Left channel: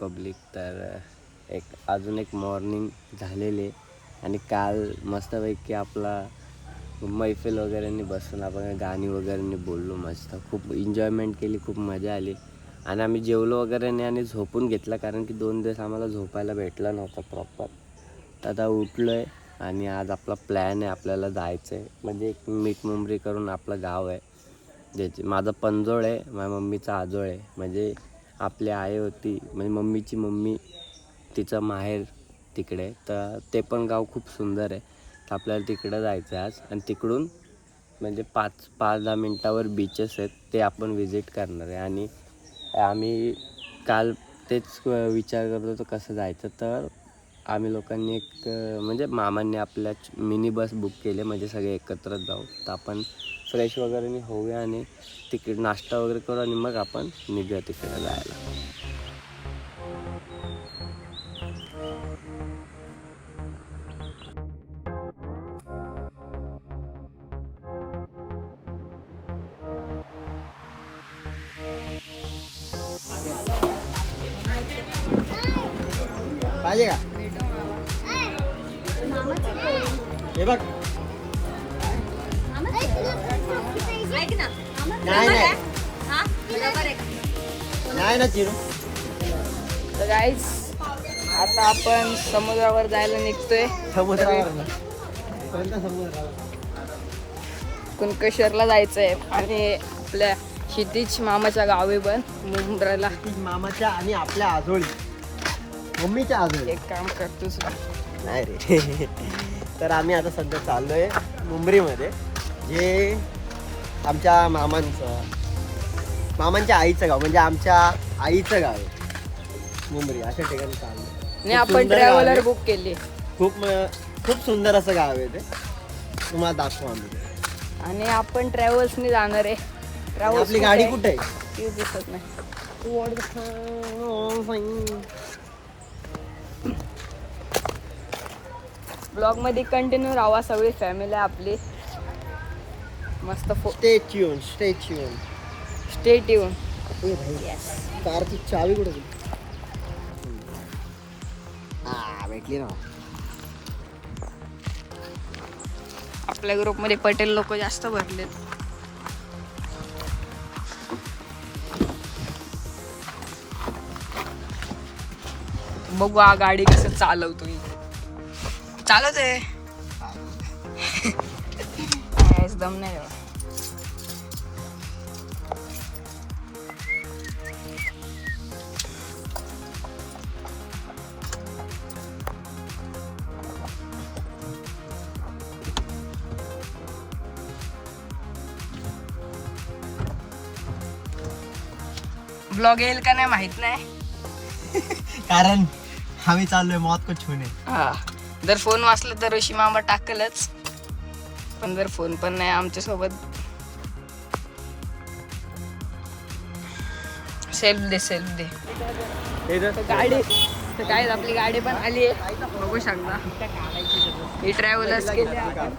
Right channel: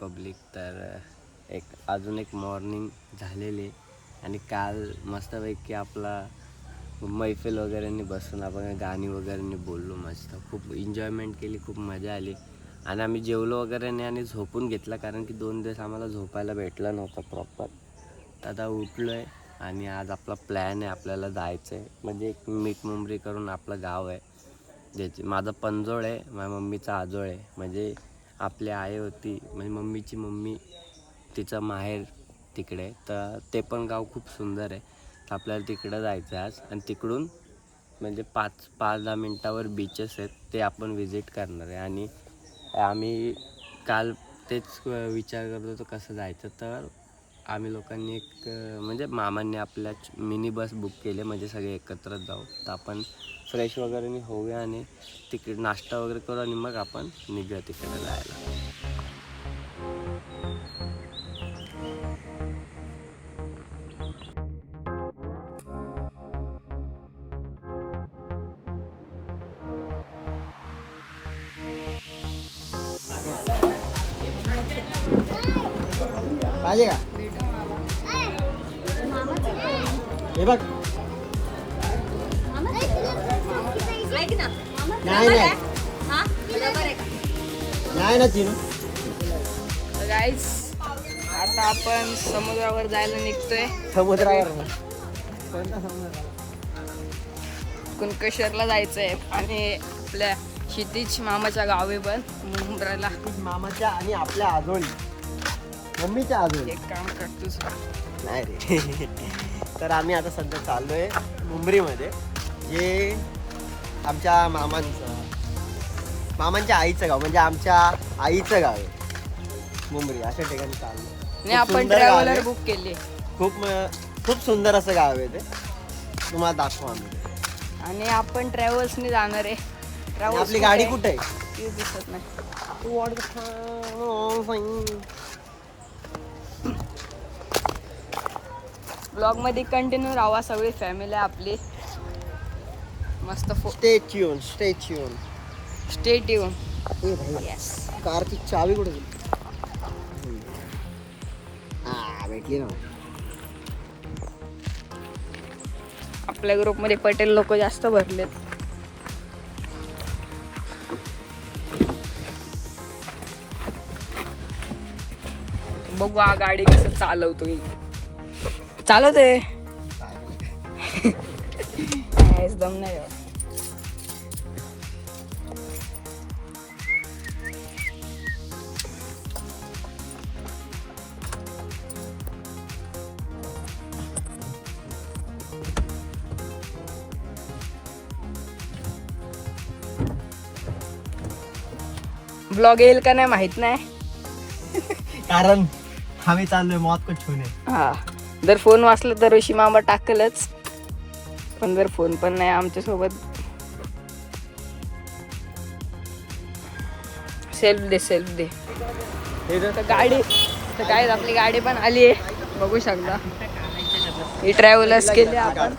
Public. तर अजून एक मॉर्निंग झालेली आहे आणि काल मस्तपैकी आपला मैफिल वगैरेंनी बसून आपण गाणी वगैरेंनी बोललो, मस्त खूप एन्जॉयमेंट केली, खूप मजा आली. आणि आम्ही जेवलो वगैरे नाही आणि झोपून घेतला, कारण की 2 दिवस आम्हाला झोपायला भेटला नव्हता प्रॉपर. तर आता उठलो आहे आणि आज आपला प्लॅन आहे, आपल्याला जायचं आहे. म्हणजे एक मीठमुंबरी करून आपलं गाव आहे, ज्याची माझं पंजोळ आहे, माझ्या मम्मीचा आजोळ आहे. म्हणजे आपली आई होती, म्हणजे मम्मीची मम्मी, तिचं माहेर तिकडे. तर ते पण गाव खूप सुंदर आहे. तर आपल्याला तिकडं जायचं आहे आज. आणि तिकडून म्हणजे 5-10 मिनटावर बीचेस आहेत, ते आपण विजिट करणार आहे. आणि आम्ही काल तेच विचार करत होतो कसं जायचं. तर आम्ही लोकांनी एक म्हणजे मामांनी आपल्या मिनी बस बुक केली, म्हणजे सगळे एकत्रच जाऊ. तर आपण फ्रेश वगैरे होऊया आणि तिकडे नाश्ता वगैरे करू आणि मग आपण निघूया तिकडे जायला. पाहिजे का हे बघ. नाही ना चिरू. तर गाईज आता आपण समुद्रावर जायला निघतोय. कुणकेश्वरला जायचंय आणि आपल्या क्षितिज मामाच्या गावी पण मुंब्राला. मामाच्या आणि आपल्या आजोळी, मम्मीच्या आजोळी. एक काम करतोस का? नाही रे. तर आम्ही आता सध्या चाललोय मुंबरीमध्ये, जे आमच्या मामांच्या आईचं गाव, म्हणजे आमच्या आईचं गाव आहे मुंबरी. अशा ठिकाणी चाललो आणि आपण ट्रॅव्हलर बुक केली. खूप सुंदर असं गाव आहे ते, तुम्हाला दाखवू आम्ही. आणि आपण ट्रॅव्हल्सनी जाणार आहे. आपली गाडी कुठे आहे? ती दिसत नाही. ब्लॉग मध्ये कंटिन्यू राहा, सगळी फॅमिली आपली मस्त. Stay tune. Stay tune. Yes. कारची चावी कुठे गेली? भेटली ना. आपल्या ग्रुपमध्ये पटेल लोक जास्त भरलेत. बघू हा गाडी कसं चालवतोय. चालवतोय दम नाही. ब्लॉग येईल का नाही माहित नाही, कारण आम्ही चाललोय मौत को छूने. हा. जर फोन वाचला तर ऋषी मामा टाकलच, पण जर फोन पण नाही आमच्या सोबत. Self they. तर गाडी तर काय आपली गाडी पण आली आहे, बघू शकता. ही ट्रॅव्हलर्स केली आपण.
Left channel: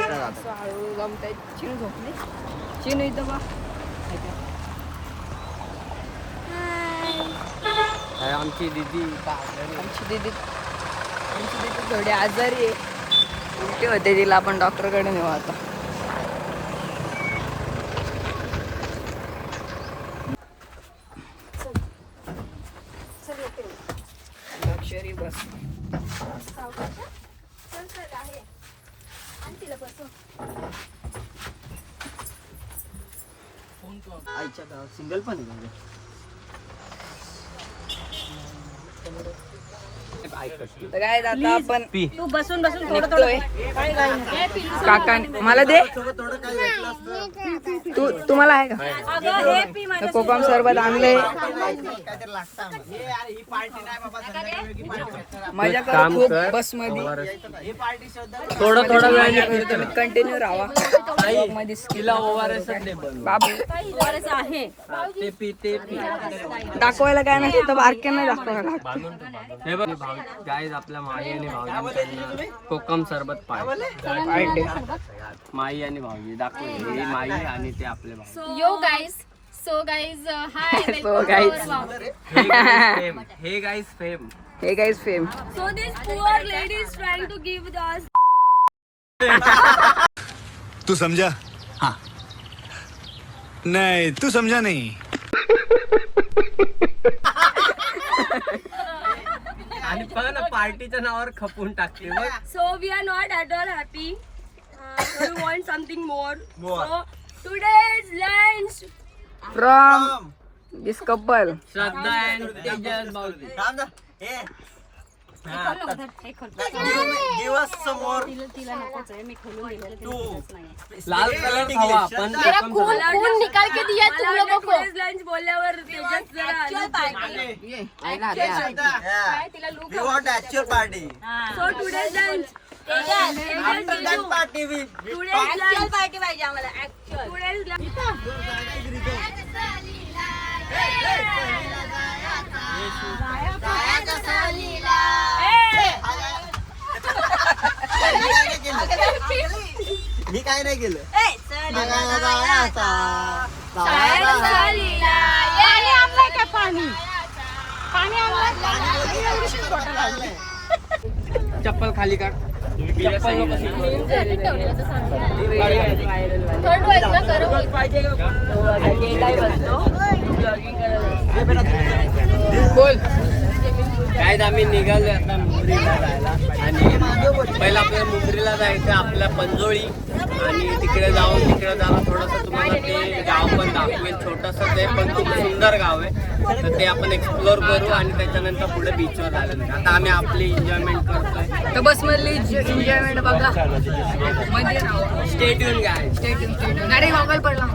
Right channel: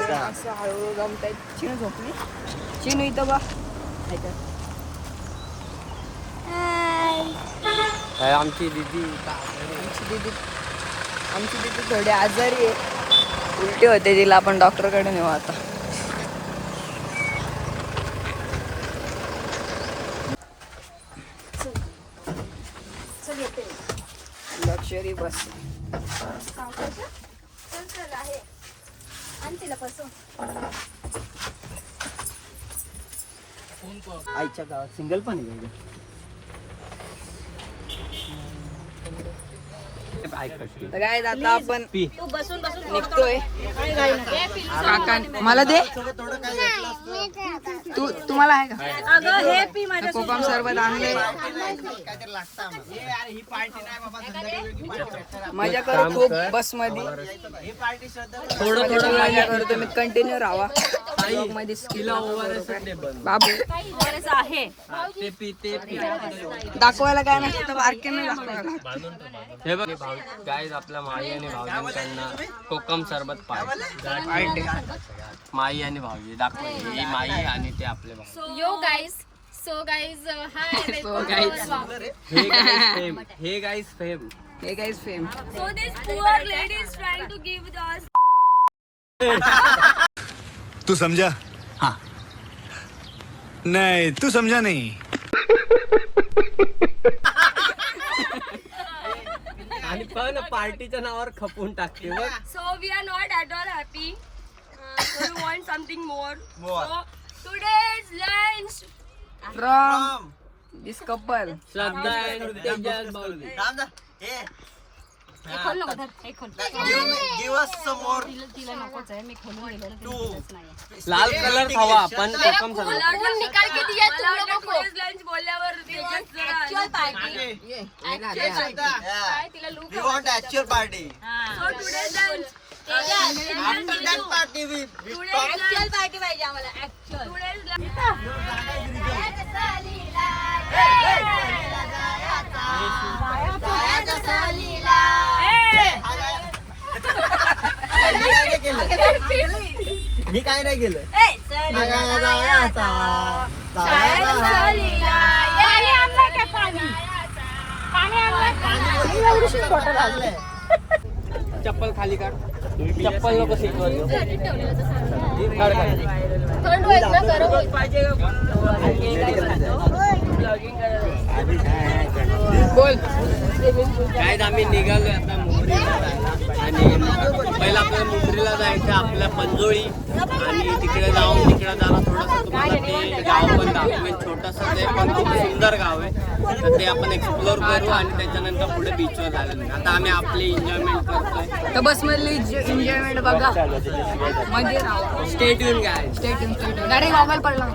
असं हळूहळू जमताय. चिनू झोपली. चिनू इथं बा. आमची दीदी थोडी आजारी आहे, उलटी होते तिला. आपण डॉक्टरकडे नेऊ आता. लक्झरी बस. आईच्या गावात सिंगल पण आहे. तर काय आता आपण निघतोय. काका मला दे. तुम्हाला आहे का कोकम सरबत आणले. मजा करू खूप बस मध्ये. थोडं मजा करू. तुम्ही कंटिन्यू राहा मध्ये. बाबू दाखवायला काय नाही तर बारके नाही दाखवायला. गाईज आपल्या माई आणि भाऊजींकडनं कोकम सरबत पार्टी. माई आणि भाऊजी दाखवले. ही माई आणि ते आपले भाऊ. Yo guys, So guys, hi. So welcome guys. to our vlog. Hey guys fame. हे guys fame. So this poor lady is trying to give us. तू समझा? हाँ. नहीं, तू समझा नहीं. आणि पण पार्टीच्या नावावर खपून टाकते. So we are not at all happy. So we want something more. So today's lunch. From this couple. Shraddha and Tejas बावली. थांब ना. Give us some more. लाल कलर खावा पण कौन निकाल के दिया तुम लोगों को? लंच बोलल्यावर तेजस जरा We want actual party. So today's lunch. After that party we Today's lunch party पाहिजे आम्हाला. Today's lunch. मी काय नाही केलं. चप्पल खाली काढ. चप्पल नको शिकवायला. थंड होईल ना गरम होईल. काय आम्ही निघालो आता मुंबरीला जायला आणि पहिला आपल्याला मुंबरीला जायचं आपल्या पंजोळी आणि तिकडे जाणं थोडंसं तुम्हाला ते गाव पण दाखवेल. छोटंसं ते पण खूप सुंदर गाव आहे तर ते आपण एक्सप्लोर करू आणि त्याच्यानंतर पुढे बीचवर जायला नाही. आता आम्ही आपली एन्जॉयमेंट करतोय. तर बस मधली एन्जॉयमेंट बघा म्हणजे स्टेट येऊन काय गाडी मोबाईल पडला.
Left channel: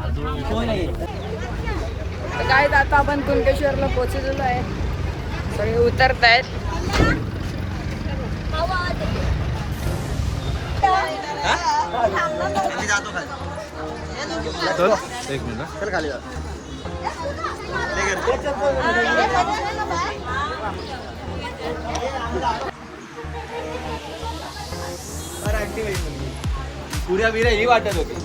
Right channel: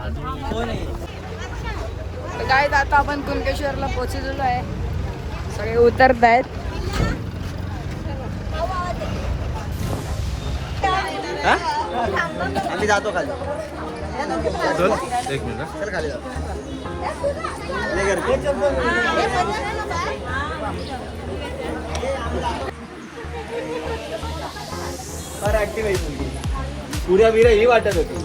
तर काय आता आपण कुणकेश्वरला पोहोचलेलो आहे. सगळे उतरत आहेत. आम्ही जातो खाली. एक मिनिट. चल खाली जा. ये घर. पुऱ्या बिऱ्या ही वाटत होती.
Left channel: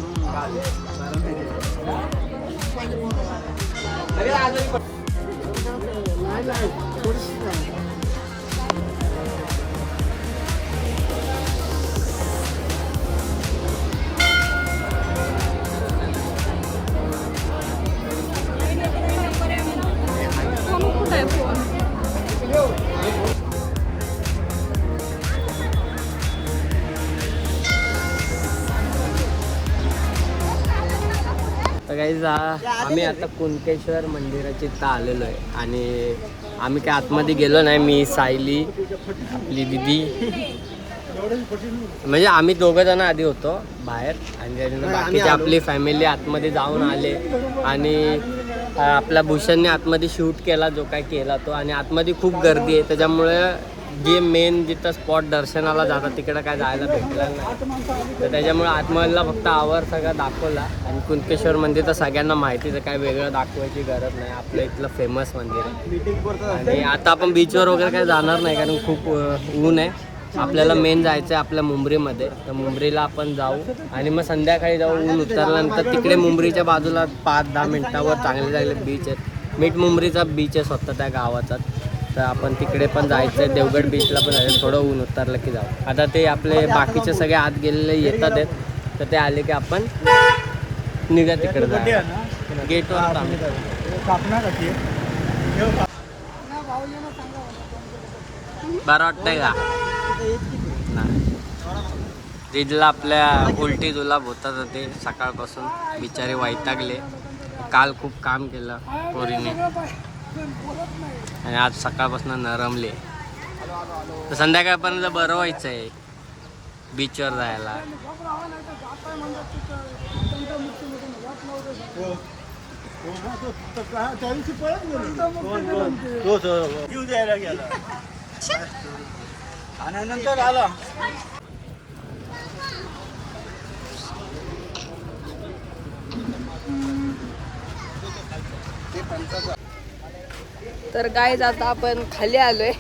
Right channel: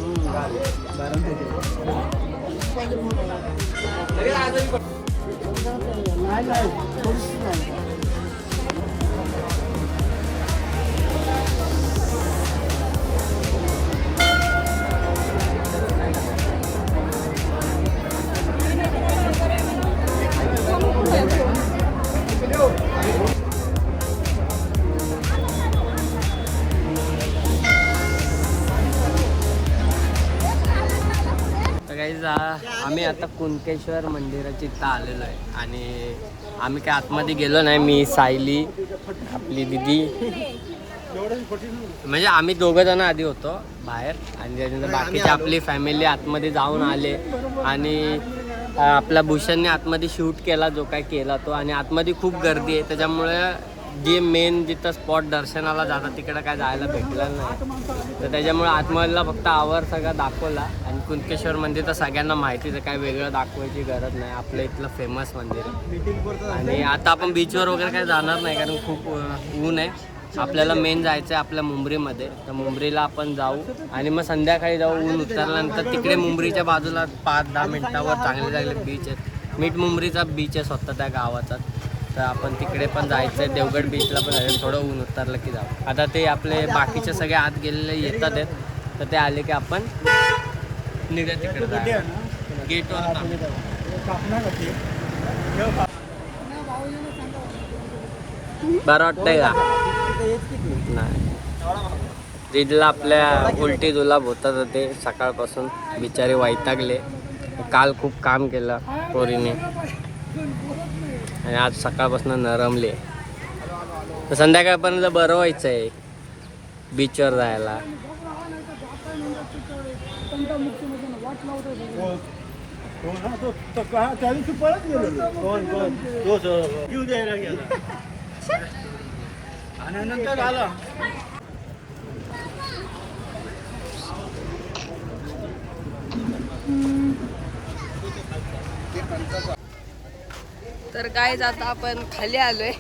तर गाईज आम्ही आता कुणकेश्वर मंदिराच्या इथं आलेलो आहे आणि आम्ही काय आतमध्ये गेलो नाही. मी सायली आपली दिदी म्हणजे आम्ही दोघं जण आधी होतो बाहेर आणि त्याच्यानंतर बाकीची आपली फॅमिली आतमध्ये जाऊन आले आणि आपल्या भूषणने आतमध्ये शूट केला जो काय केला तो. आणि आतमध्ये खूप गर्दी आहे त्याच्यामुळे जे मेन जिथं स्पॉट दर्शनाला जातात तिकडं काय जायला भेटलं नाही तर त्याच्यामुळे आतमधला फक्त आवर सगळा दाखवला. आणि कुणकेश्वर मंदिर तर सगळ्यांना माहितीच आहे, काय वेगळं दाखवायची गरज नाही. आपलं इथलं फेमस मंदिर आहे. आणि आता आपण बीचवर वगैरे काय जाणार नाही कारण खूप ऊन आहे. आपल्याला मेन जायचं आहे आपल्या मुंबरीमध्ये. तर मुंबरीला आपण जाऊ आणि मग संध्याकाळी जाऊ. ऊन उतरल्यानंतर तिकडे मुंबरीच्या बाजूला 5-10 मिनटावर चांगले चांगले बीच आहेत. मीठ मुंबरीचा बीच आहे स्वतः त्या गावाचा. तर आपण तिकडे पण जायचं आहे. देवगड बीचला पण जायचं. थोडं ऊन उतरलं की जाऊ. आता ते आपले बाकीचे सगळे आत गेलेले येतात आहेत तर ते आले की आपण निघा तिकडे जायला. गेटवर आम्ही बरं वाटतंय का नाही. दिदीला आपल्या उलटी जुलाब होतात होते सकाळपासून. बिचारे वैतागले. काल खूप काम केलं पोरीने आणि आज सकाळपासून नरमले. तर संध्याकाळपर्यंत बरं व्हायचं आहे बीचवर जायला. तर गाईज आता आपण खाली आलोय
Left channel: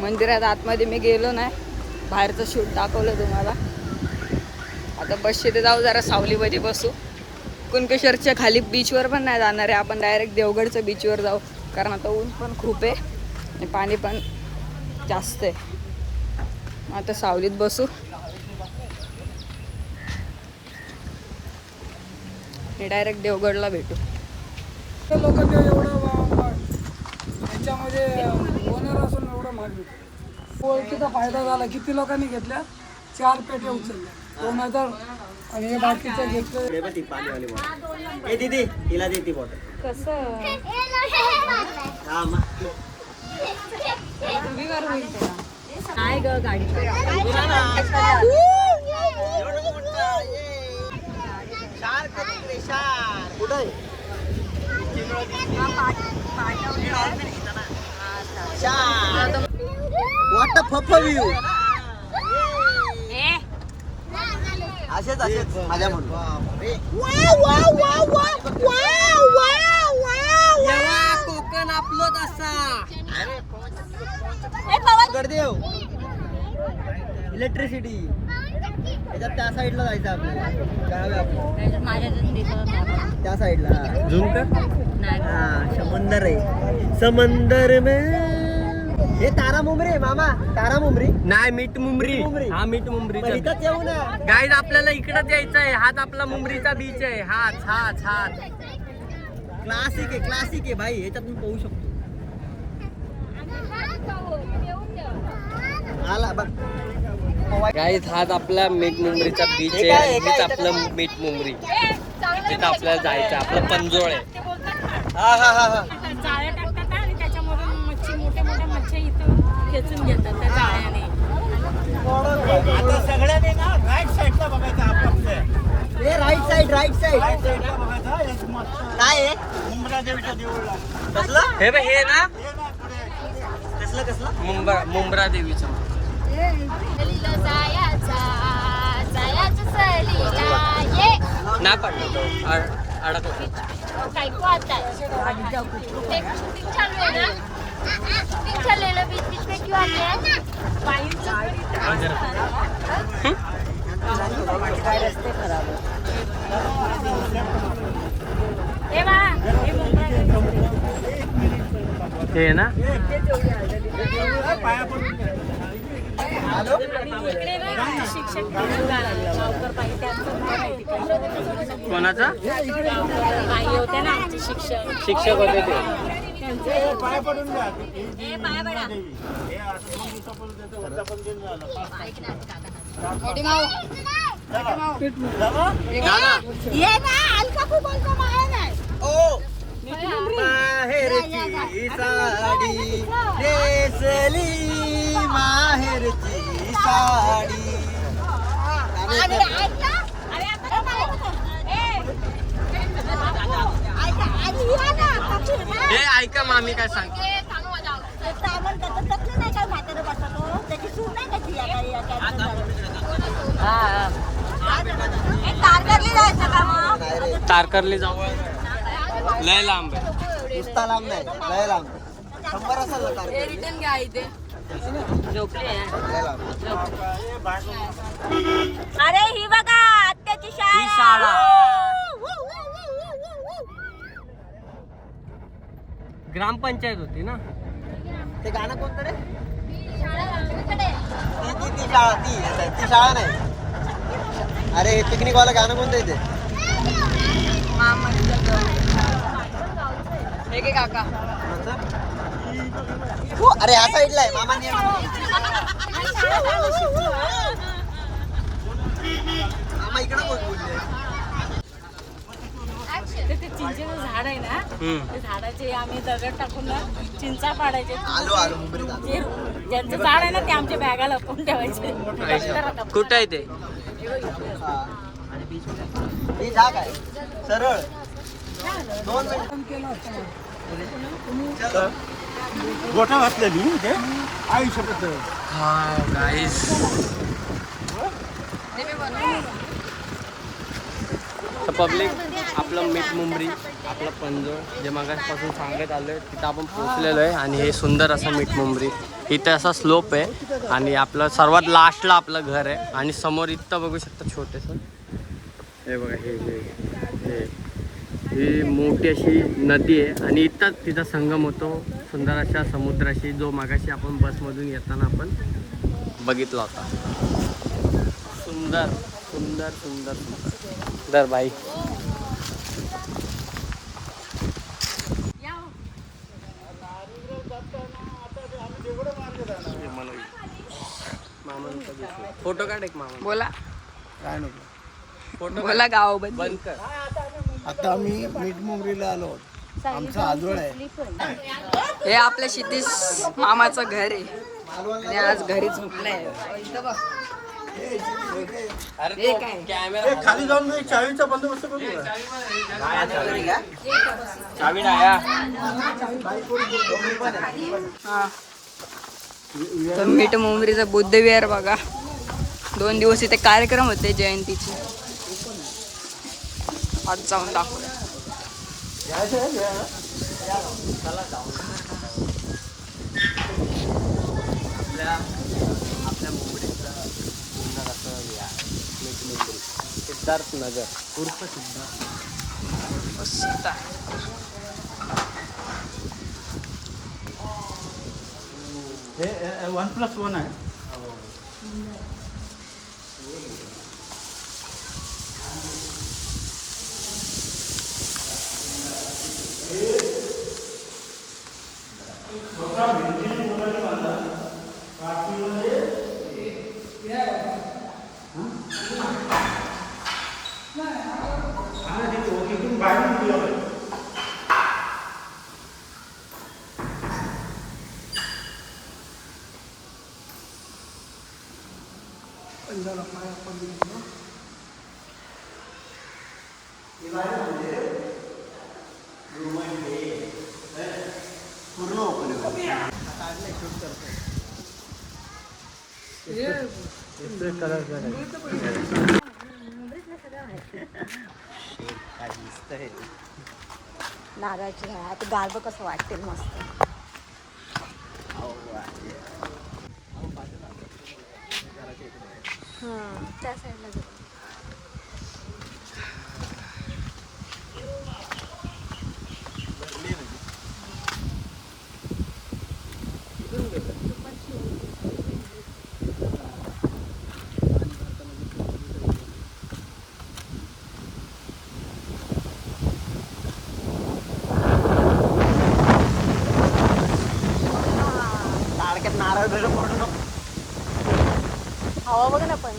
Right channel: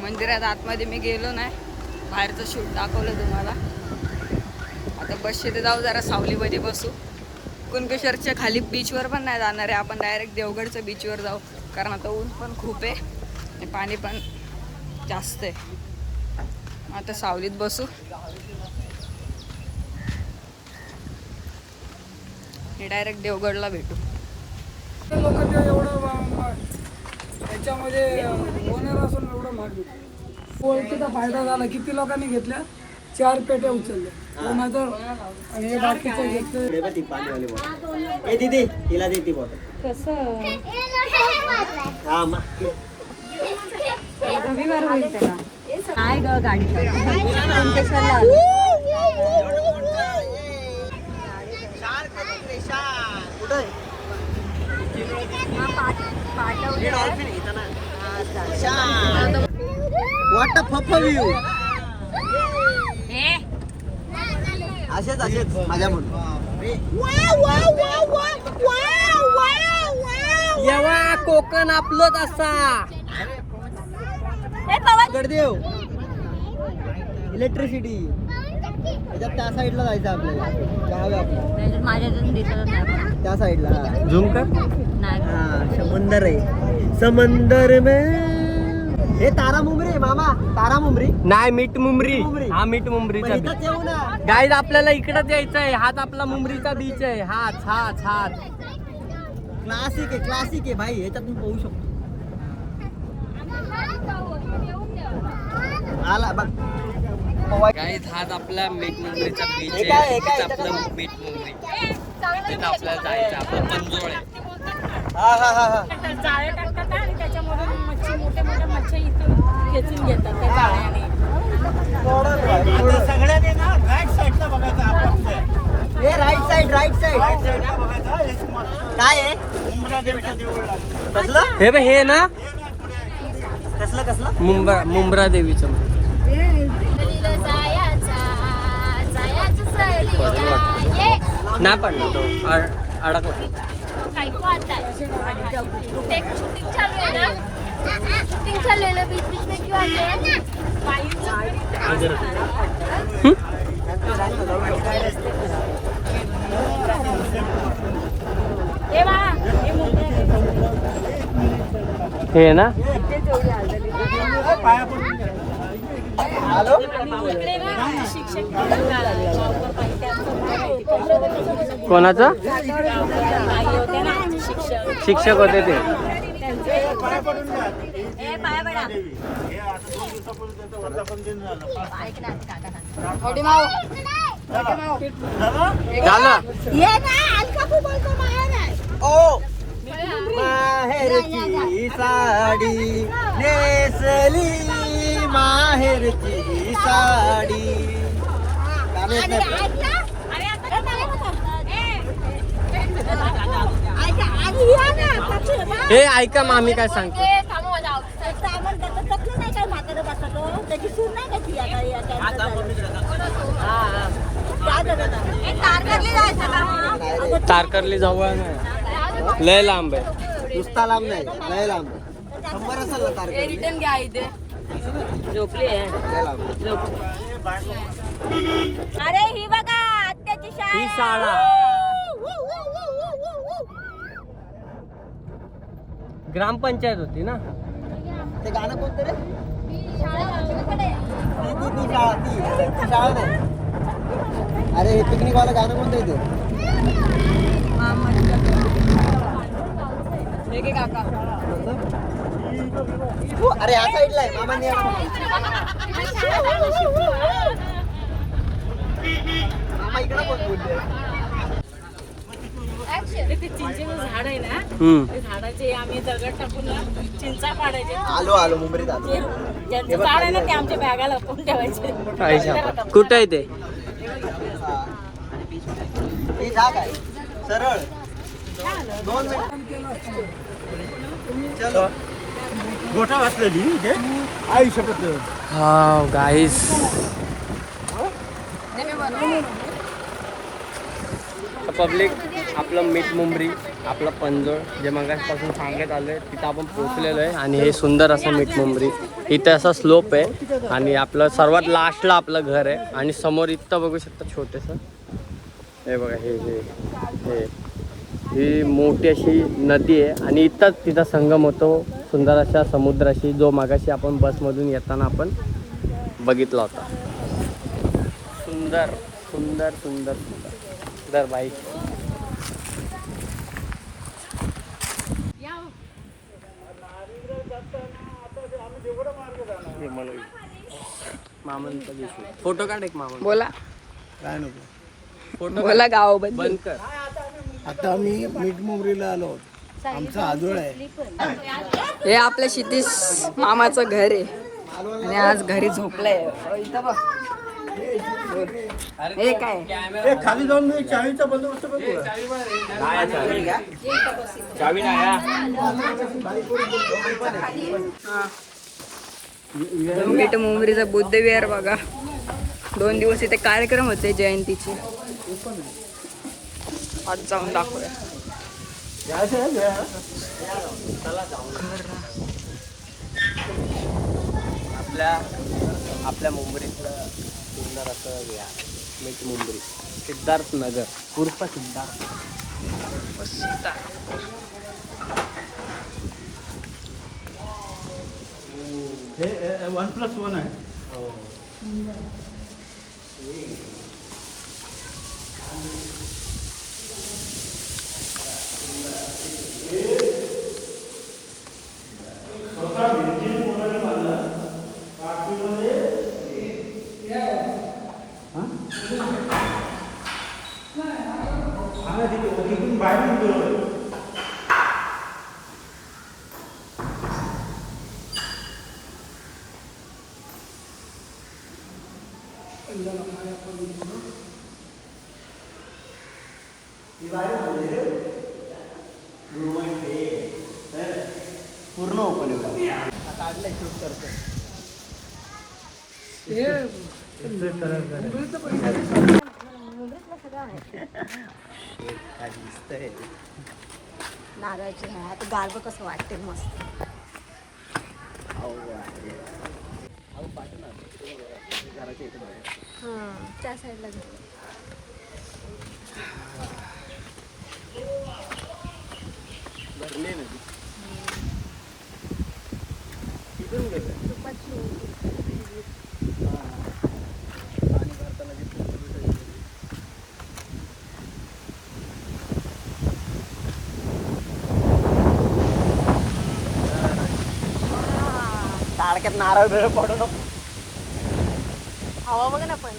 मंदिरात. आतमध्ये मी गेलो नाही. बाहेरचं शूट दाखवलं तुम्हाला. आता बस तिथे जाऊ जरा सावलीमध्ये बसू कुणकेश्वरच्या खाली बीचवर पण नाही जाणार आहे आपण, डायरेक्ट देवगडच्या बीचवर जाऊ, कारण आता ऊन पण खूप आहे आणि पाणी पण जास्त आहे. आता सावलीत बसू. हे डायरेक्ट देवगडला भेटू. त्याच्यामध्ये असून एवढं महाग क्वालिटीचा फायदा झाला. किती लोकांनी घेतल्या? 4 पेट्या उचलल्या 2000 आणि हे बाकीचं घेतलं. पाणीवाली बॉटल. ए दीदी तिला दे ती बॉटल. काय ग गाडी असेच माझ्या म्हणून जेव्हा कोकण आपलं कसा गडदेव इलेक्ट्रिसिटी त्याच्यात त्या साईडला जायचं आपल्याला. गाव आपलं त्या साईडला झूम कर. हा समंदर आहे. समंदर में हे तारा मुंबरी आहे मामा. तारा मुंबरी नाही, मीठ मुंबरी. हा मीठ मुंबरी. इथंच येऊ ना. गाईज आपल्याला इकडं यायचं आहे. हात आपला मुंबरीचा बीच आहे. हात हात हात क्लासिक आहे भाई. ह्याच्यातून पाहू शकतो. आला बघ गाईज हात आपला मीठ मुंबरीचा बीच आहे. हेच आपलं मीठ मुंबरी. तिथं आपल्याला जायचं. आपलं पंजोळ आहे. जाळे टाकतात आणि त्याच्यामधून मच्छी मोठे मोठे मच्छी इथून खेचून घेतात त्या जाळ्याने. सगळ्यांनी ना राईट साईडला बघायचं आपण. हे राईट साईड काय आहे? हे ना मुंब्रा देवीचं हे ना. कोणाचा होते ना शिक्षक शिक्षक होते ते. माहेरची साडी नेसली माहेरची साडी. हे ऐका मामी काय सांगते. तारकर्ली जाऊ. लय लांब आहे. नुसता लांब नाही, लय लांब. रिटर्न घ्या इथे. झोपली आहे. अरे ही बघा आत्याची ही शाळा. ग्रामपंचायत होती ना. ते गाणं कोणतं रे? ती शाळा ती शाळा नाही. अरे हे पिकनिक वाला गाणं कोणतं आहे ते? अरे ह्या साईडला आहे मामांनी. मामा इकडे कोण बोलले? ते चिंचेचं झाड आहे ना, ते झाडाचे आम्ही दगड टाकून ना चिंचा पाडायचे. आलो मुंबईत आलो. ज्यांचं झाड आहे ना ते आमच्या बॅगा लपवून ठेवायचे. कुठं आहे ते? ही जाग आहे सरळ 2 चलो गोठा घातलेली इथे. आई शपथ. हा गाईस पब्लिक आपलं मीठ मुंबरी, आपलं पंजोळ जे मागासपासून सांगत आलं आहे तिथं आपण पोचलेलो आहे. आणि हे सुंदर असं मीठ मुंबरी. इथं असा स्लोप आहे आणि आपलं सर्वात लास्टला आपलं घर आहे. आणि समोर इथं बघू शकता छोटंसं. हे बघा हे ही मोठी अशी नदी आहे आणि इथंच तिचा संगम होतो सुंदर अशा समुद्राशी, जो मागाशी आपण बसमधून येताना आपण बघितला होता. सुंदर सुंदर सुंदर सुंदर सुंदर बाई. फोटो काढ एक मामा. बोला काय नको. बोला गावाबद्दल. आता आम्ही मीठमुंबरीला आलो. आमचा आजोळ आहे. हे आपल्या क्षितिज मामाचं घर आहे आणि आज घरी झोपलंय. इथं बघ. हे काय खाली जाऊन मी चावीचा बंदोबस्त करतो. चावी नाही मीठ मुंबरीचा बुद्ध विहार बघा. 2 दिवस इथे कार्यक्रम होते जयंतीचे. आज जाऊन दाखवूया. आपल्या मुंबईतलं सुंदर असं हे आहे मीठ मुंबरी. सिद्धार्थ नगर उर्फ सिद्धार्थ. हे 1+1 आहे. पूर्ण ओपन नारळाची आता गारबं कसं वाटतं मस्त. त्या साईडला जाऊ. नारळ पडू नको. हवा बघ ना पण.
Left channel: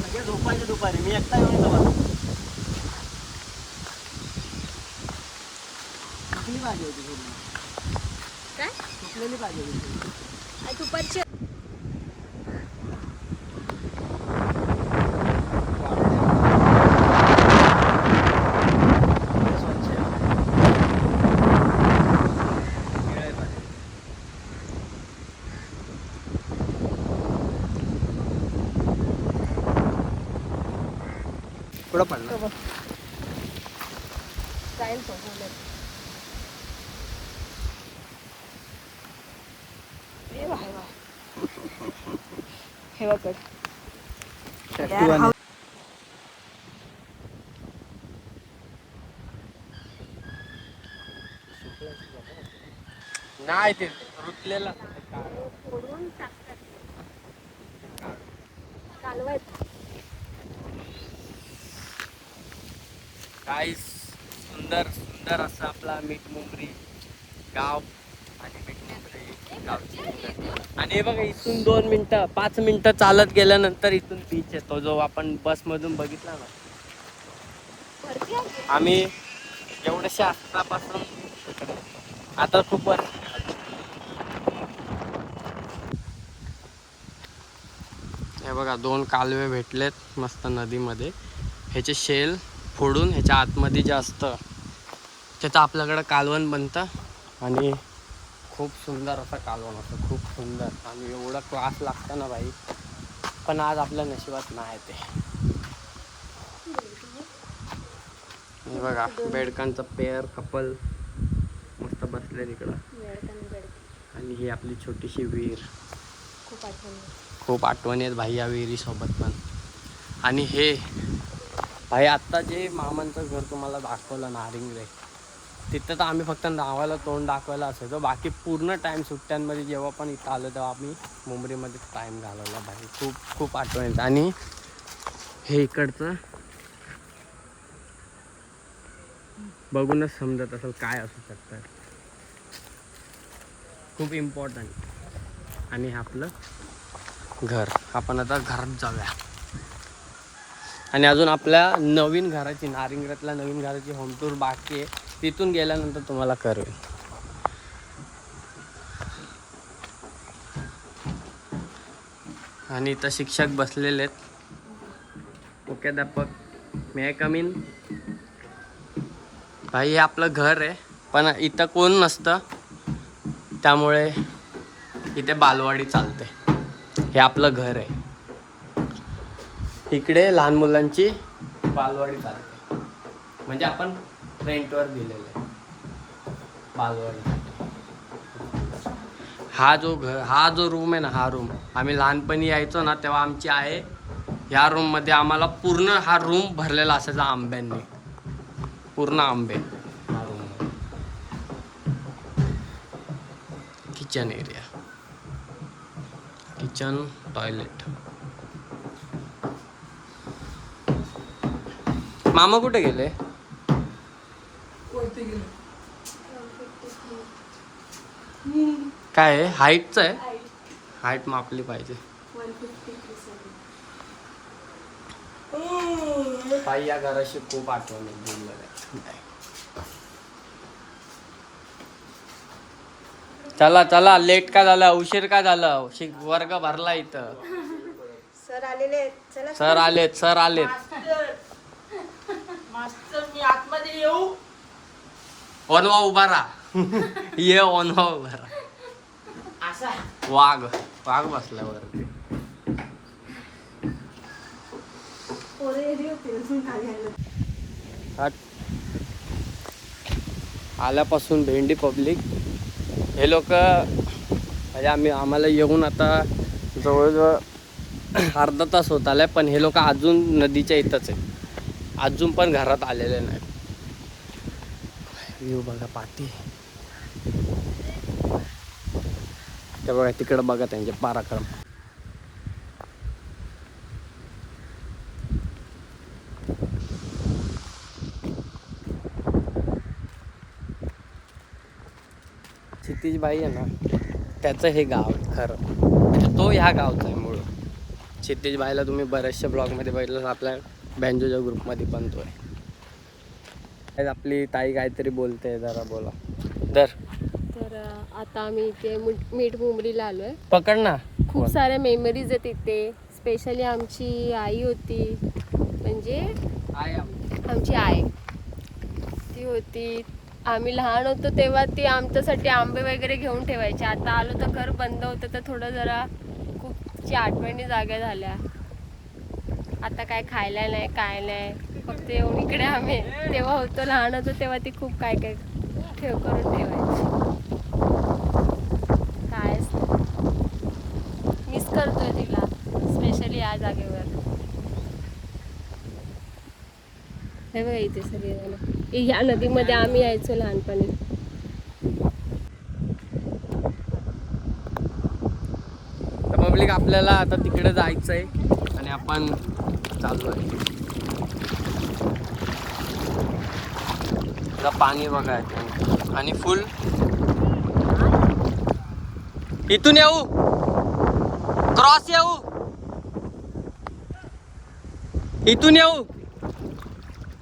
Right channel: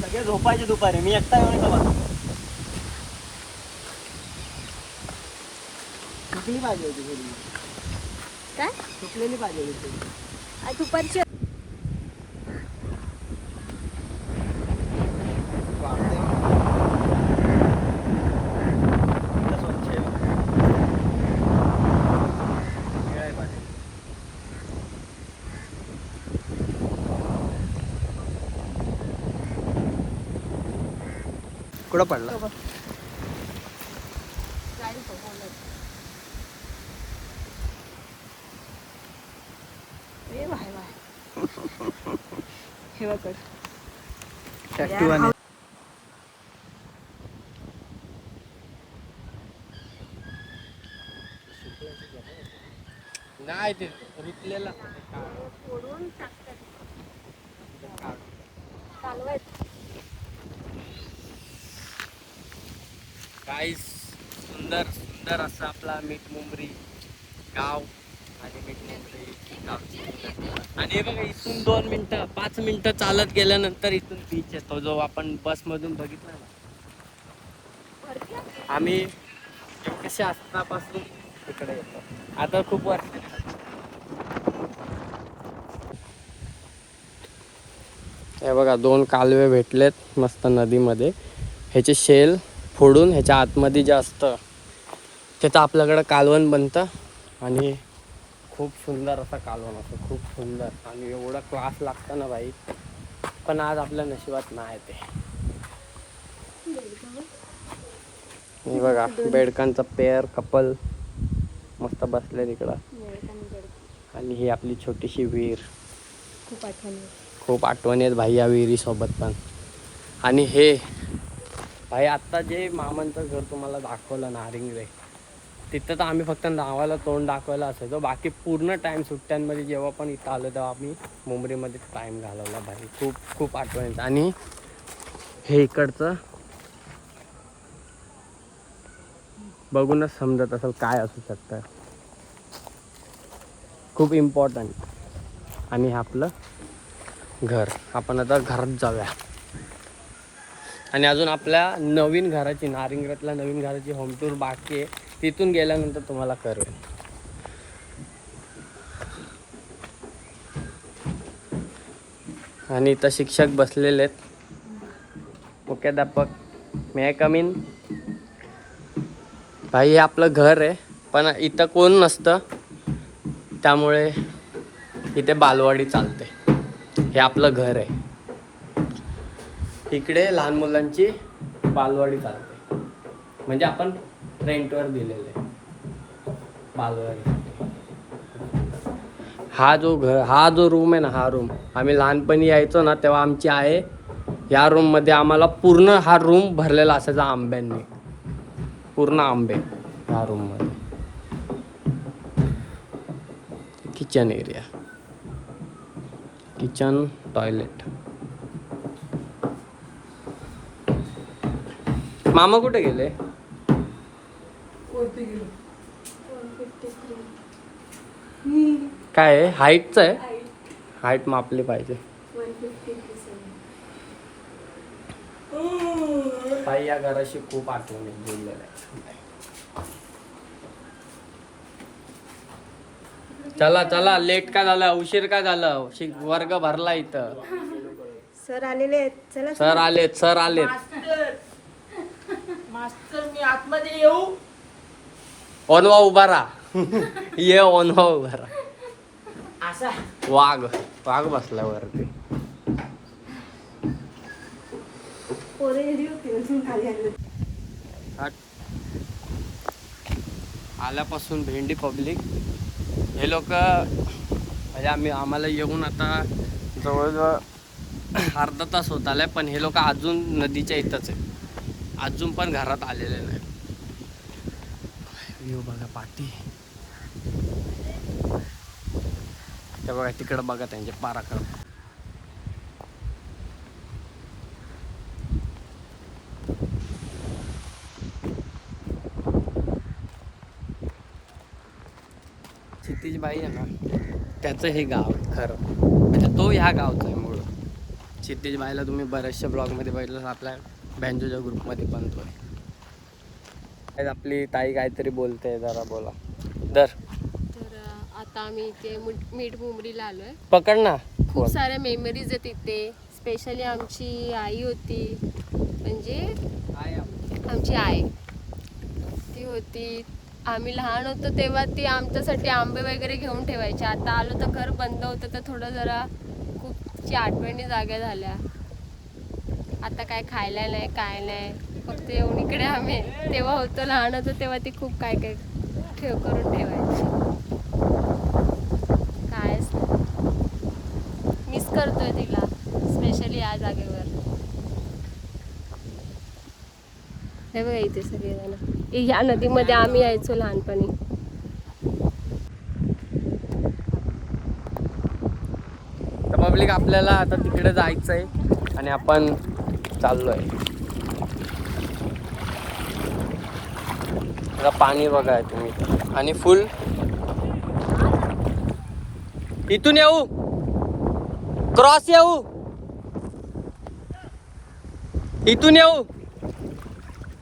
सगळे झोपायचे दुपारी. मी एकटा येऊन इथं बघा. सुकली भाजी होती थोडी. काय सुकलेली भाजी होती थोडी. दुपारची कुठं पडला? हे बघ. नाही ते रुतलेला फोडून टाकतात. कालवत काही सुंदर सुंदर असं आपला मीठ मुंबरी गाव आणि मीठ मुंबरी गावची. आणि हे बघा इथून 2 मिनटं 5 मिनटं चालत गेल्यानंतर इथून बीच येतो, जो आपण बसमधून बघितला ना. आम्ही एवढ्याशा असतापासून तिकडे येतो. आता खूप वर्ष. हे बघा 2 कालवे भेटलेत मस्त नदीमध्ये. ह्याचे शेल फोडून ह्याच्या आतमध्ये जे असतं त्याचं आपल्याकडं कालवण बनतं आणि खूप सुंदर असं कालवण असतं. खूप सुंदर आणि एवढा क्लास लागतं ना भाई. पण आज आपल्या नशिबात नाही ते. हे बघा बेडकांचं पेअर कपल मस्त बसले तिकडं. आणि ही आपली छोटीशी विहीर. खूप आठवणी आहेत भाई या विहिरीसोबत पण. आणि हे भाई आत्ता जे मामांचं घर तुम्हाला दाखवलं नारिंगरे, तिथं तर आम्ही फक्त नावाला तोंड दाखवायला असायचो. बाकी पूर्ण टाईम सुट्ट्यांमध्ये जेव्हा पण इथं आलो तेव्हा आम्ही मुंबरीमध्ये टाईम घालवला भाई. खूप खूप आठवणी. आणि हे इकडचं बघूनच समजत असेल काय असू शकतं. खूप इम्पॉर्टंट. आणि हे आपलं घर. आपण आता घरात जाऊया. आणि अजून आपल्या नवीन घराची, नारिंगरातल्या नवीन घराची होम टूर बाकी आहे. तिथून गेल्यानंतर तुम्हाला करूया. आणि इथं शिक्षक बसलेले आहेत. मुख्याध्यापक, मे आय कम इन? भाई हे आपलं घर आहे, पण इथं कोण नसतं, त्यामुळे इथे बालवाडी चालते. हे आपलं घर आहे. इकडे लहान मुलांची बालवाडी चालते. म्हणजे आपण रेंटवर दिलेलं आहे बालवाडी. हा जो रूम आहे ना, हा रूम आम्ही लहानपणी यायचो ना तेव्हा आमची आहे या रूममध्ये. आम्हाला पूर्ण हा रूम भरलेला असायचा आंब्यांनी. पूर्ण आंबे ह्या रूममध्ये. Kitchen area, kitchen, toilet. मामा कुठे गेले? काय आहे? हाईटचं आहे. हाईट मापली पाहिजे. भाई या घराशी खूप आठवणी जुळलेल्या आहेत. चला चला, लेट का झालं, उशीर का झालं? वर्ग भरला इथं. सर आलेले आहेत. चला सर आलेत, सर आलेत. मास्तर मी आतमध्ये येऊ? ओनवा उभा राहा. ये ओनवा उभा राहा. वाघ वाघ बसला वरती. आल्यापासून भेंडी पब्लिक हे लोक म्हणजे आम्हाला येऊन आता जवळजवळ अर्धा तास होत आलाय, पण हे लोक अजून नदीच्या इथंच आहेत. अजून पण घरात आलेले नाही. व्ह्यू बघा पाठी. ते बघा तिकडं बघा त्यांचे पराक्रम. क्षितिज भाई आहे ना, त्याचं हे गाव आहे खरं. म्हणजे तो ह्या गावचा आहे मूळ. क्षितिज भाईला तुम्ही बऱ्याचशा ब्लॉगमध्ये बघितलं, आपल्या बँजोच्या ग्रुपमध्ये पण तो आहे. आपली ताई काहीतरी बोलते, जरा बोला. तर आता आम्ही इथे मीठ मुंबरीला आलोय. पकड ना. खूप साऱ्या मेमरीज आहेत इथे. स्पेशली आमची आई होती, म्हणजे आमची आई ती होती. आम्ही लहान होतो तेव्हा ती आमच्यासाठी आंबे वगैरे घेऊन ठेवायची. आता आलो तर घर बंद होतं, तर थोडं जरा खूपची आठवणी जाग्या झाल्या. आता काय खायला नाही, काय नाही, फक्त येऊन इकडे आम्ही तेव्हा होतो, लहान होतो तेव्हा ती खूप काय काय करून ठेवायची. काय मिस करतोय तिला, स्पेशली या जागेवर. हे बघा इथे सगळे ह्या नदीमध्ये आम्ही यायचो लहानपणी. तर पब्लिक आपल्याला आता तिकडे जायचंय आणि आपण चाललोय. पाणी बघा तुम्ही. आणि फुल इथून येऊ, क्रॉस येऊ, इथून येऊ,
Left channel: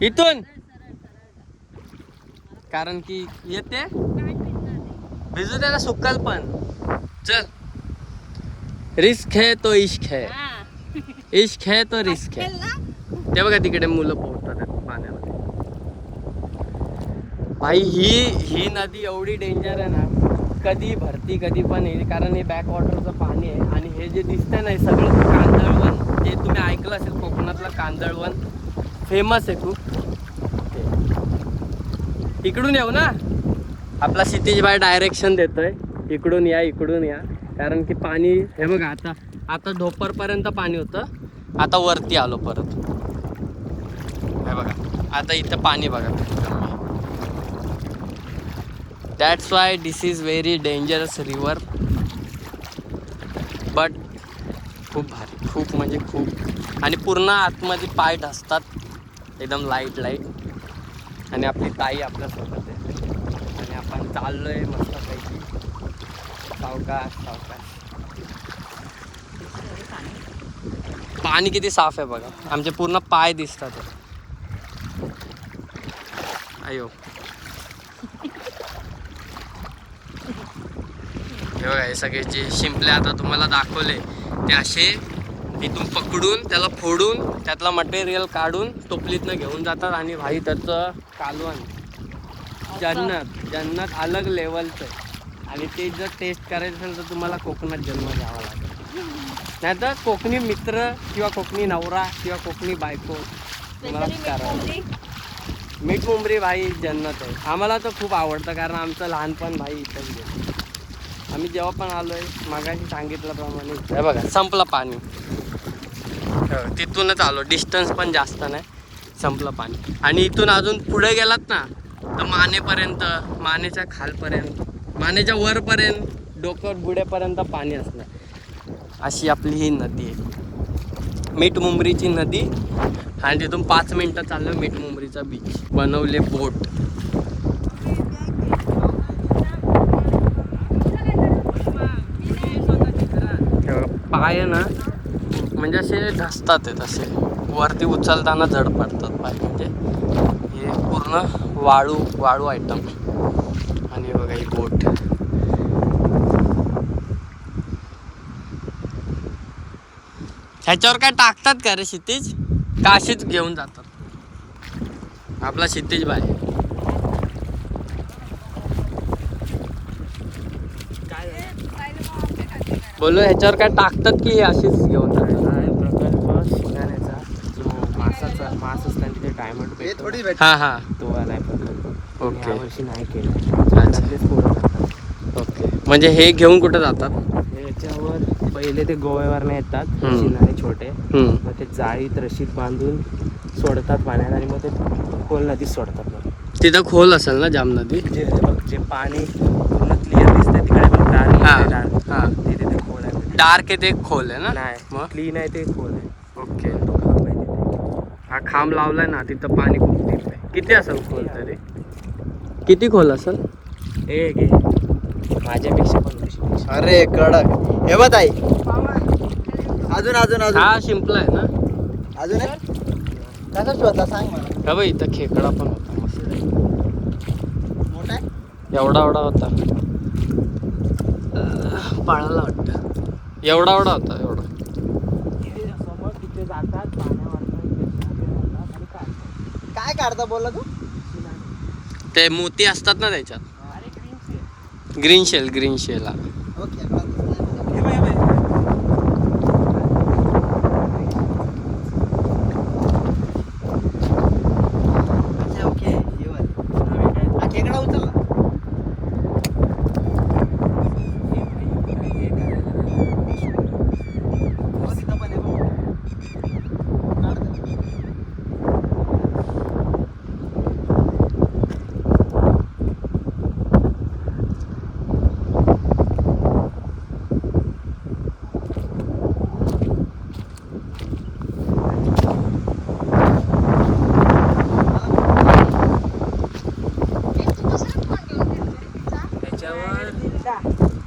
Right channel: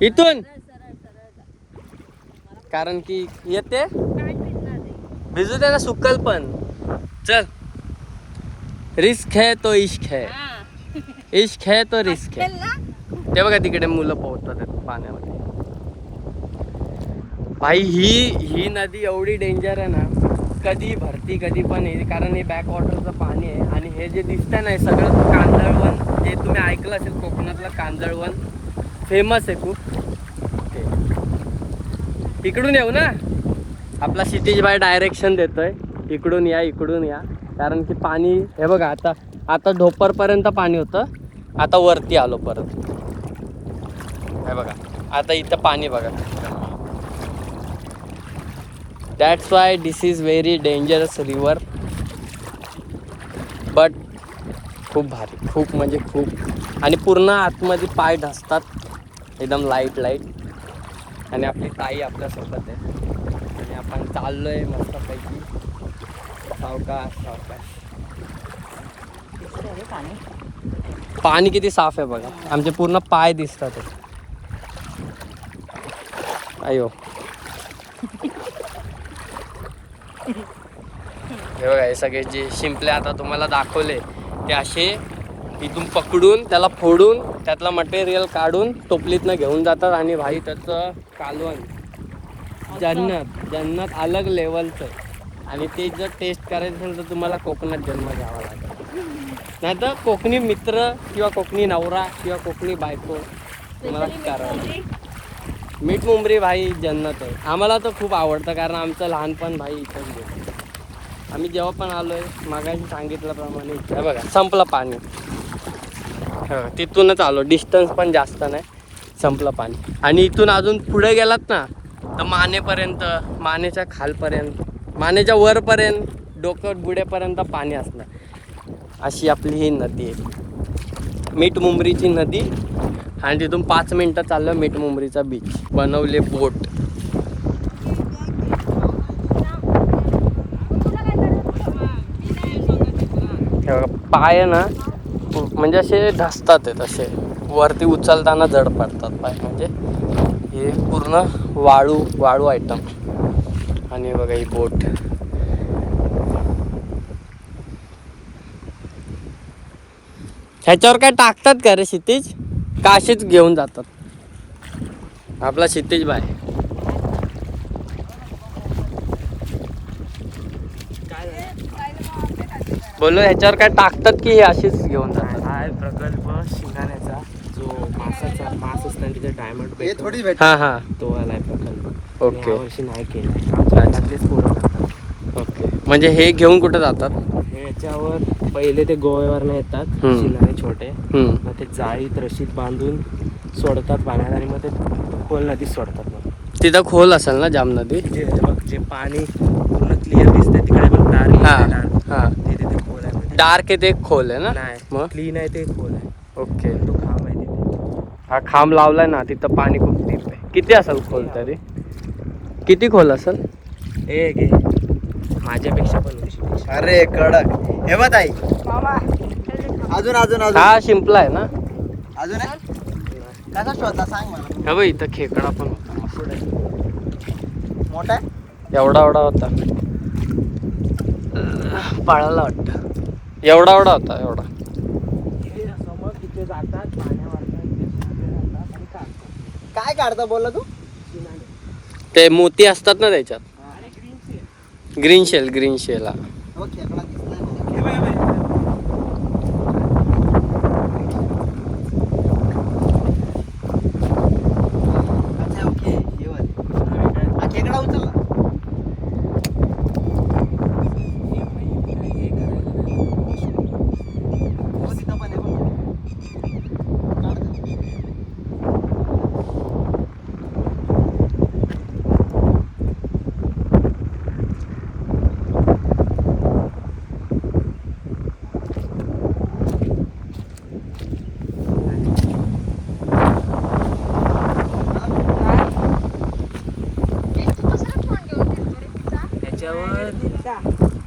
इथून, कारण की येते भिजू दे ना, सुकल पण. चल, रिस्क है तो इश्क है, इश्क है तो रिस्क है. ते बघा तिकडे मुलं पोहतात पाण्यामध्ये. भाई ही नदी एवढी डेंजर आहे ना, कधी भरती कधी पण येईल, कारण हे बॅक वॉटरचं पाणी आहे. आणि हे जे दिसतंय ना, हे सगळं कांदळवन, जे तुम्ही ऐकलं असेल कोकणातलं कांदळवन फेमस आहे खूप. इकडून येऊ ना. आपला क्षितिज भाई डायरेक्शन देतोय. इकडून या कारण की पाणी हे बघा आता ढोपरपर्यंत पाणी होतं, आता वरती आलो परत. हे बघा आता इथं पाणी बघा. That's why this is very dangerous river, but खूप भारी, खूप म्हणजे खूप. आणि पूर्ण आतमध्ये पाय ढसतात एकदम लाईट. आणि आपली ताई आपल्यासोबत आहे आणि आपण चाललोय मस्तपैकी सावकाश. पाणी किती साफ आहे बघा, आमचे पूर्ण पाय दिसतात. अयो हे बघा, हे सगळे जे शिंपले आता तुम्हाला दाखवले ते असे इथून पकडून त्याला फोडून त्यातला मटेरियल काढून टोपलीतनं घेऊन जातात. आणि भाई त्याचं कालवण जन्नत अलग लेवलचं. आणि ते जर टेस्ट करायचं असेल तर तुम्हाला कोकणात जन्म घ्यावा लागेल, नाही तर कोकणी मित्र किंवा कोकणी नवरा किंवा कोकणी बायको तुम्हाला करायला. मीठ मुंबरी भाई जन्नत आहे. आम्हाला तर खूप आवडतं कारण आमचं लहानपण भाई इथंच गेलं. आम्ही जेव्हा पण आलोय मागाशी सांगितल्याप्रमाणे हे बघा संपलं पाणी. हां तिथूनच आलो, डिस्टन्स पण जास्त नाही, संपलं पाणी. आणि इथून अजून पुढे गेलात ना तर मानेपर्यंत, मानेच्या खालपर्यंत, मानेच्या वरपर्यंत, डोकं बुड्यापर्यंत पाणी असणार. अशी आपली ही नदी आहे, मीठ मुंबरीची नदी. आणि तिथून 5 मिनटं चाललं मीठ मुंबरीचा बीच. बनवले बोट. पाय ना म्हणजे असे धसतात आहेत, असे वरती उचलताना जड पडतात पाय. म्हणजे हे पूर्ण वाळू आयटम. आणि बघा ही बोट. ह्याच्यावर काय टाकतात का रे क्षितिज, का अशीच घेऊन जातात? आपला क्षितिज बाय बोललो ह्याच्यावर काय टाकतात की हे अशीच घेऊन जातात? जो मास असताना तिथे डायमंड भेटतो, हां तो आलाय प्रकल्प. ओके यावर्षी नाही केलं. ओके. म्हणजे हे घेऊन कुठे जातात? याच्यावर पहिले ते गोव्यावरनं येतात हम्म. शिनारे छोटे, मग ते जाळीत रशीद बांधून सोडतात पाण्यात आणि मग ते खोल नदीत सोडतात. मग तिथं खोल असेल ना जाम नदी? जे पाणी पूर्ण क्लिअर दिसतंय ते काय म्हणतात, हां ते तिथे खोल आहे. डार्क आहे ते खोल आहे ना? नाही मग क्लीन आहे ते खोल आहे. ओके. हा खांब लावलाय ना तिथं पाणी खूप डीप आहे. किती असेल खोल तरी? किती खोल असेल? घे माझ्यापेक्षा पण वर्षीपेक्षा. अरे कडक. हे बघ ताई, अजून हा शिंपला आहे ना? अजून कसा शोधला सांग मला. हा बाई इथं खेकडा पण मोठा एवढा होता, पाळायला वाटतं. एवढा होता. समोर तिथे जातात पाण्यावर आणि काढतात. काय काढता बोलला तू? ते मोती असतात ना त्याच्यात. Green shell. ओके. अच्छा ओके. हा खेकडा उचलला. हो तिथं पण आहे बघ.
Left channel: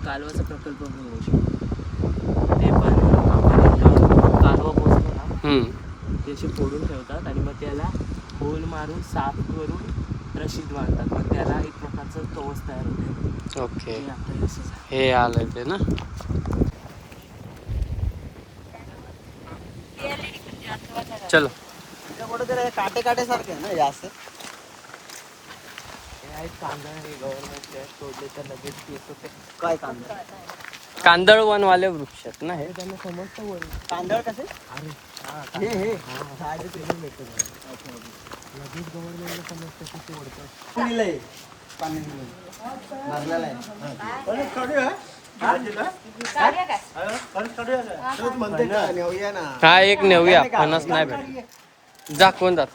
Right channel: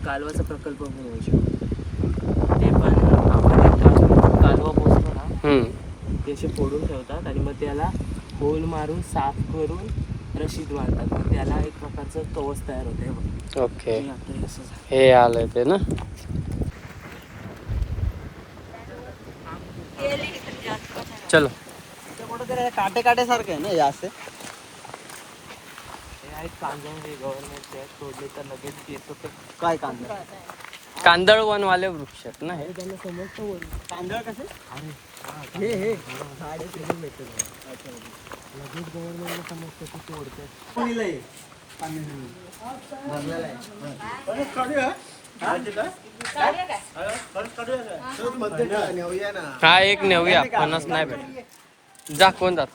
कालवाचा प्रकल्प पण होऊ शकतो. ते पण कालवा पोचतो ना ते असे फोडून ठेवतात आणि मग त्याला होल मारून साफ करून रशीद बांधतात. मग त्याला एक प्रकारचं कवच तयार होते. ओके. हे आलंय ते ना? चलो. कुठेतरी काटे सारखं आहे ना हे असं. हे आहेत कांदा, हे गव्हर्नमेंटचे तोडले तर लगेच येतो. ते काय कांदा? कांदळवनवाले वृक्ष आहेत ना हे? त्यांना समजतं वर कांदळ कसे? अरे हे लगेच गव्हर्नमेंटला समजतं की तोडतं. हा एक नेऊया, फणस नाही भेट. जा कोण जात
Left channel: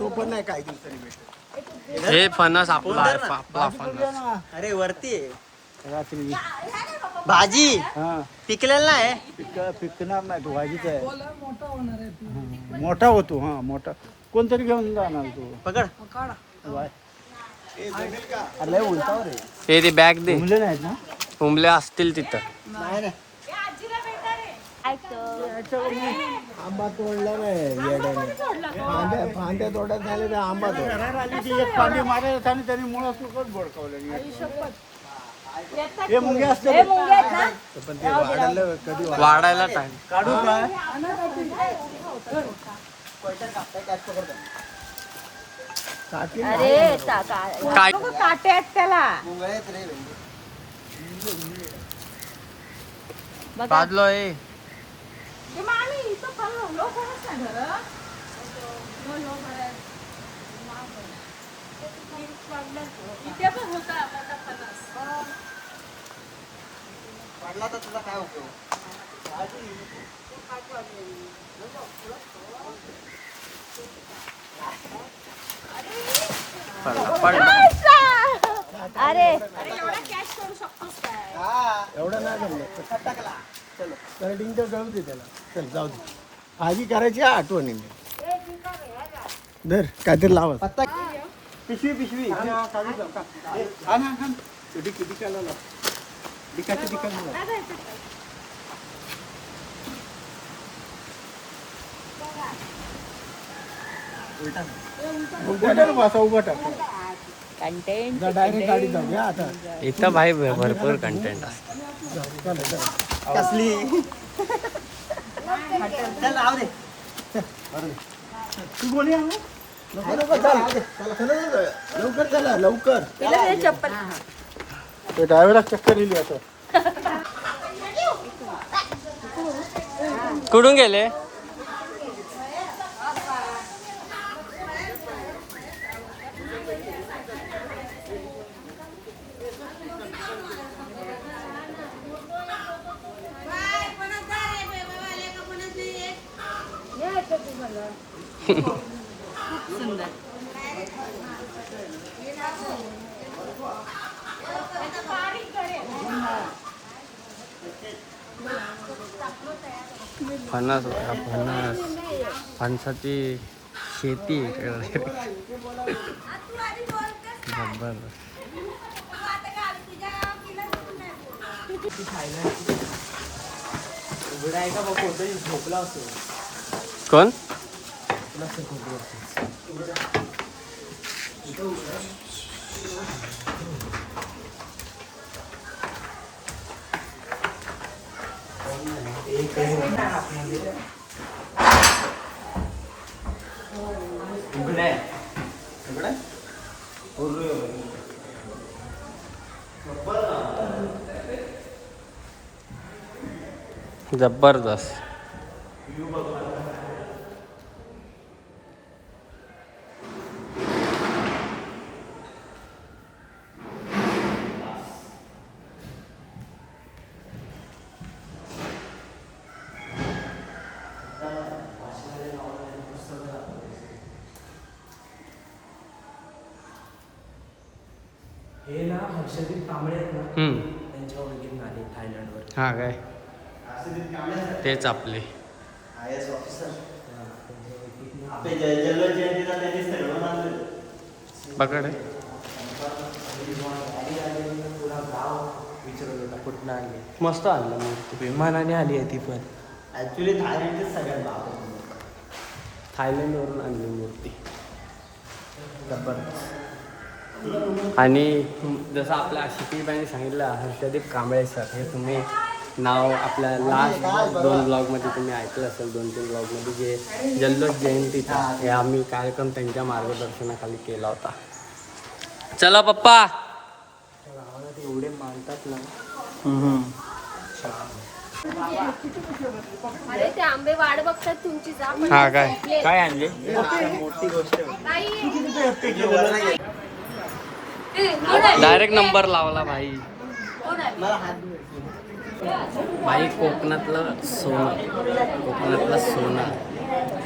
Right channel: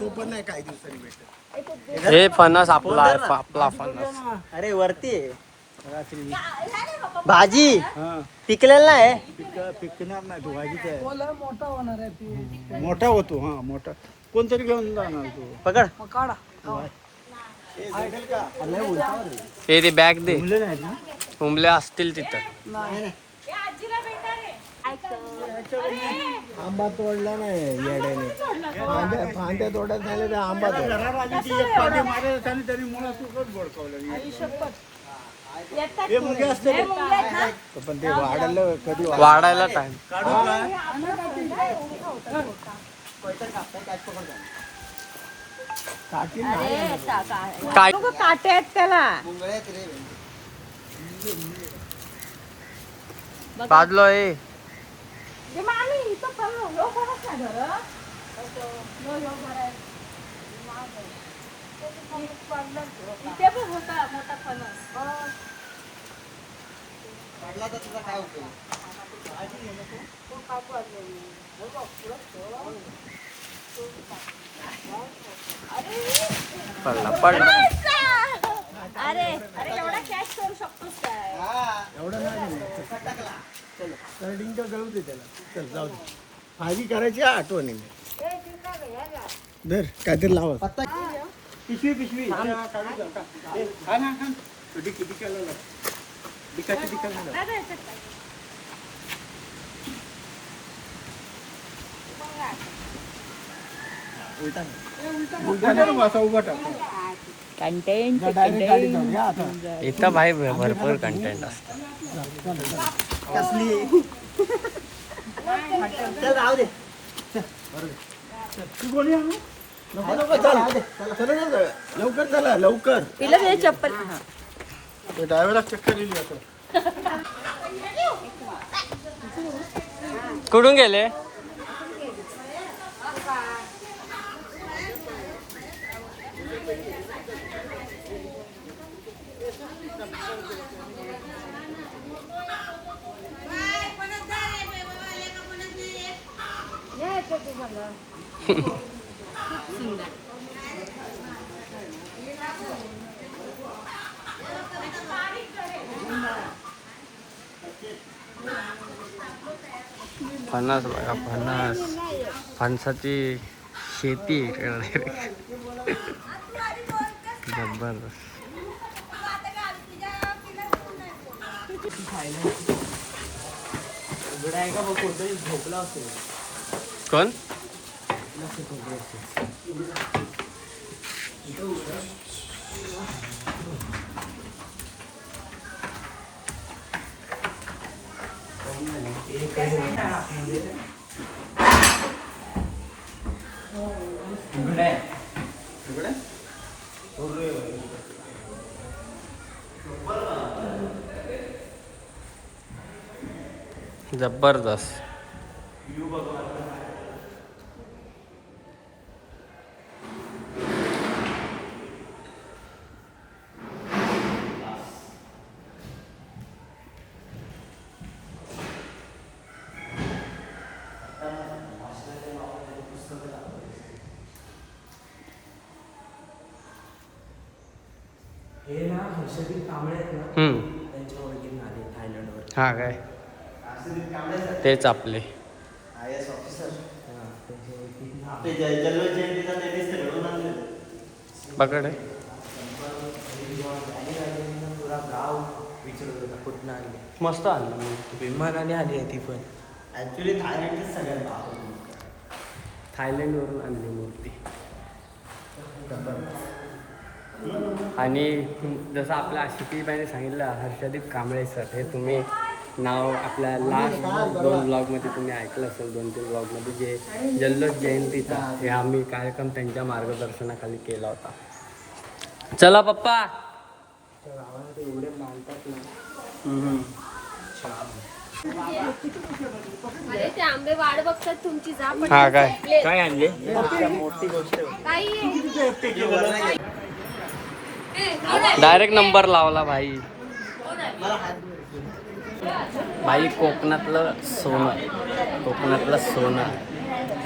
तो पण नाही काही दिवसांनी भेटत. हे फणस आपला आहे, आपला फणस. अरे वरती भाजी पिकलेला आहे. पिकणार नाही तो भाजीचा आहे. मोठा होतो. हा मोठा कोणतरी घेऊन जाणार तो. पकड. अरे उंचावर आहे. हे ते बॅग दे. मुले नाहीत ना. उमले असतील तिथं. आंबा तोडला नाही येड्याने. फांद्या तोडत झाले तर आंबा तोड. पाणी मारायला आणि त्यांनी मुळा सुकट बोडकावलं. हे मुंगे असते पण ते वाढलं कधी वाढायला टाइम. काढू काय. काय काटे आहेत त्याला. बाजलो आहे. पडला तर तुझा काय उपयोग. पडला. एवढं नाही जमलं. टाकला. चलो करडिंग तर जाऊ दे त्याला. चल जाऊ दे. भाजी करायची आठवणीने. धर काहीतरी लावा. पिशवी उलटा नाही बसा, उभा टाक. डायरेक्ट गाडी जाऊया आता. इथं भाई भरपूर कंटेंट असतं. कसली चल राहू दे. तू कोणी आहे? लवकर चला लवकर. ते ड्रायव्हरला चक्कर येईल आता. कुठून गेले? फणस बघा, फणस. फणसाची शेती जबरदस्त. झोपला असतो. कोण? जबरदस्त. हे ना हर्षदीप कांबळे आहेत ना, त्यांच्या ओळखीतून आले थायलंडवर. हा काय तेच आपले IAS ऑफिसर. ते जल्लोष जयंतीचा त्यांनी सगळं आणलं. पकड आहे. पुरा गाव विचारत होता कुठून आली. मस्त आणलं मूर्ती. विमानाने आली आहे ती पण. ऍक्च्युली थायलंडचे सगळ्यात गाव. थायलंडवरून आणली मूर्ती. जबरदस्त. आणि जसं आपल्या आशिकीबाईने सांगितलं, हर्षदीप कांबळे सर, हे तुम्ही नाव आपल्या लास्ट 2 ब्लॉगमध्ये तुम्ही ऐकलं असेल, 2-3 ब्लॉगमध्ये, जे जल्लोष जयंतीचा हे आम्ही कार्यक्रम त्यांच्या मार्गदर्शनाखाली केला होता. चला पप्पा. गावाला ते एवढे मानतात ना. अरे ते आंबे वाट बघतात तुमची. जा हा काय काय आणले? मोठी गोष्ट. डायरेक्ट नंबर लावला भाई. भाई कोकणातलं सोनं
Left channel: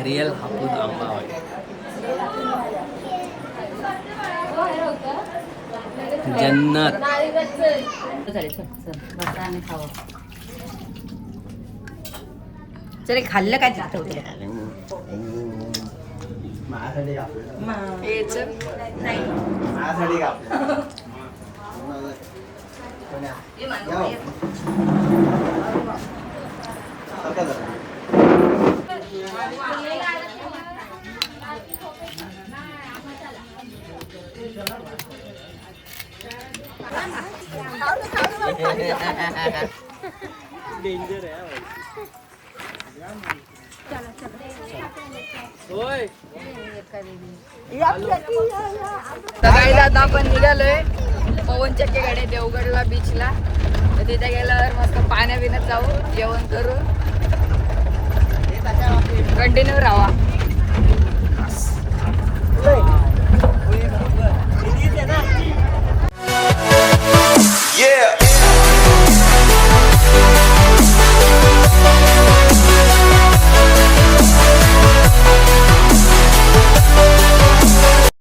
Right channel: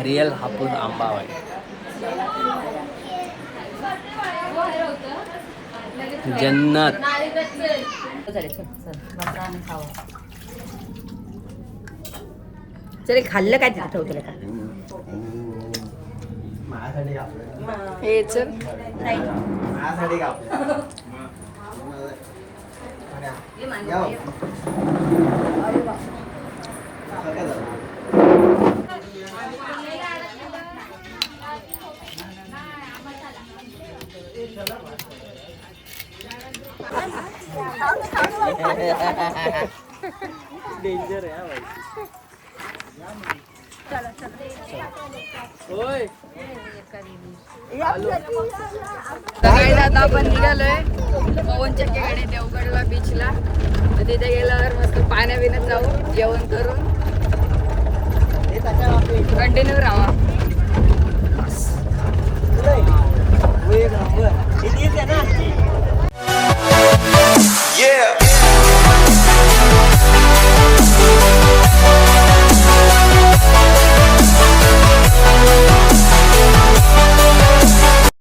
रिअल हापूस आंबा आहे. जन्नत. चल खाल्लं काय तिथं हे चल डेंजर आहे. सकाळी आता आपण निघालोय पवन चक्कीकडे देवगडला बीचला. तर तिथे गेल्यावर मस्त पाण्या बिण्यात जाऊ, जेवण करून कंटिन्यू राहा.